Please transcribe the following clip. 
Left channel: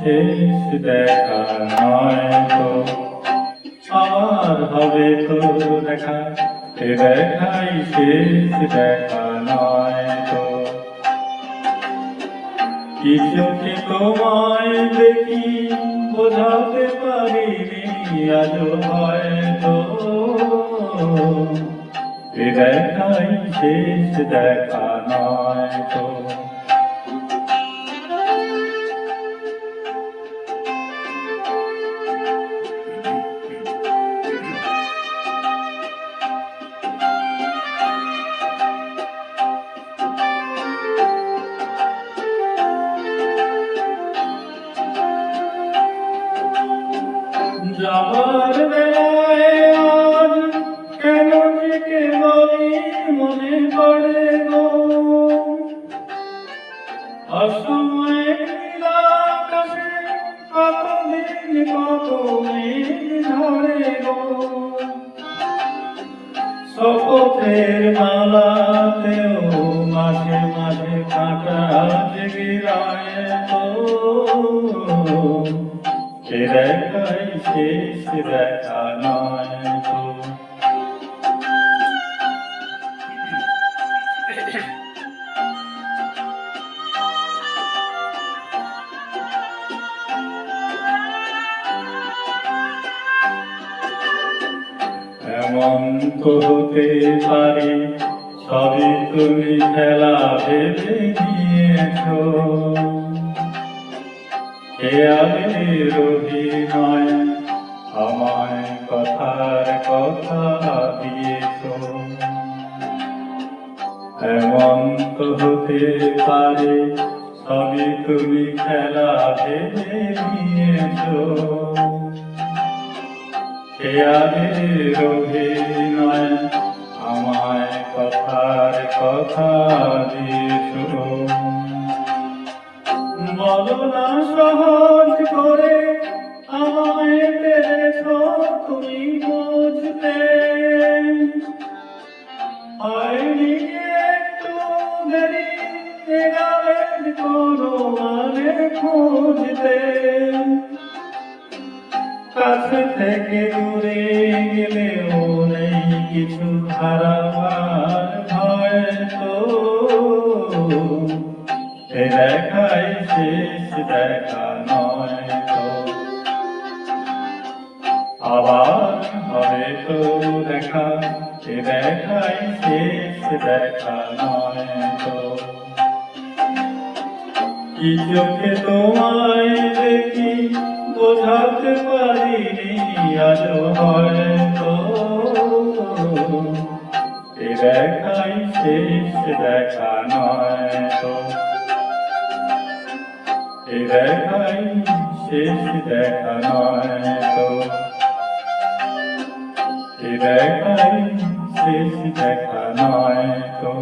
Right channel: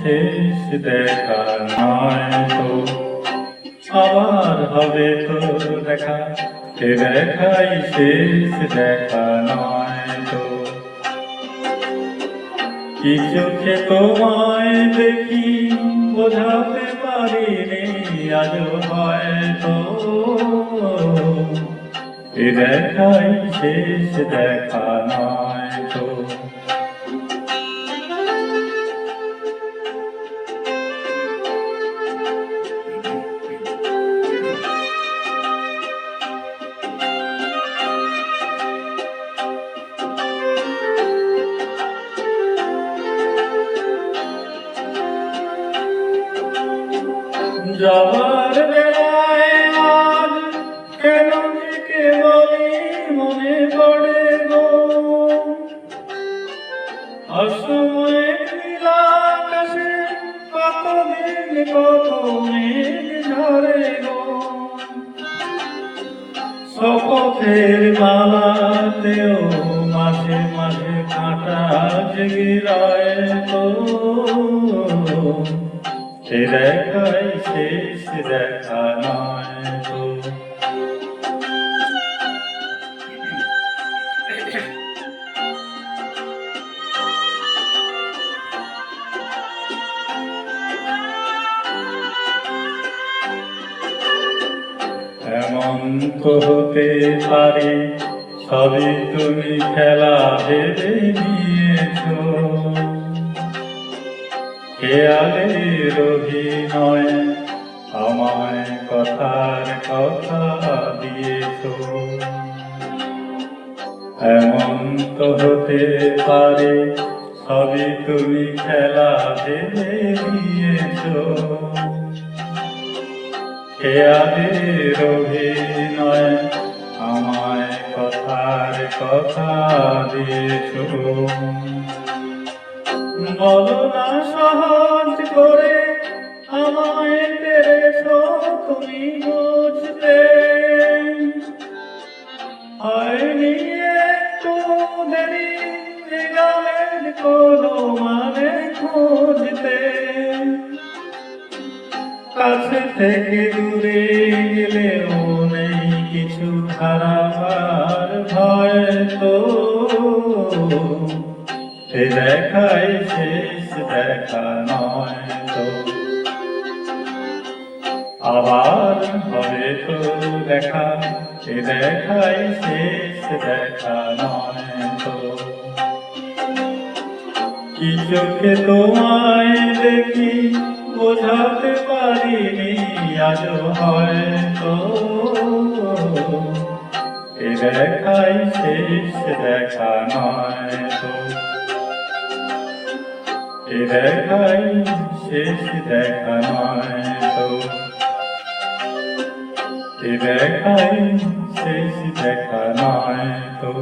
শেষ দেখা নয় তো, আবার হবে তো দেখা, এ দেখাই শেষ দেখা নয় তো। কি চোখে তোমায় দেখি বোঝাতে পারিনি আজও হয়তো, এ দেখাই শেষ দেখা নয় তো। যাবার বেলায় আজ কেন যে কেবলই মনে পড়ে গো, অসময়ে নীলাকাশে কতদিন কত মেঘ ঝরে গো, শপথের মালাতেও মাঝে মাঝে কাঁটা জেগে রয় তো, এ দেখাই শেষ দেখা নয় তো। এমন তো হতে পারে সবই তুমি খেলা ভেবে নিয়েছো, খেয়ালের অভিনয় আমায় কথার কথা দিয়েছো। এমন তো হতে পারে সবই তুমি খেলা ভেবে নিয়েছো, খেয়ালের অভিনয় আমায় কথার কথা দিয়েছো। বলো না সহজ করে আমায় পেরেছো তুমি বুঝতে, হয়নি একটু দেরি এ গানের কোনো মানে খুঁজতে, কাছে থেকে দূরে গেলেও নেই কিছু হারাবার ভয় তো, এ দেখাই শেষ দেখা নয় তো, আবার হবে তো দেখা, এ দেখাই শেষ দেখা নয় তো। কি চোখে তোমায় দেখি বোঝাতে পারিনি আজও হয়তো, এ দেখাই শেষ দেখা নয় তো, এ দেখাই শেষ দেখা নয় তো, এ দেখাই শেষ দেখা নয় তো।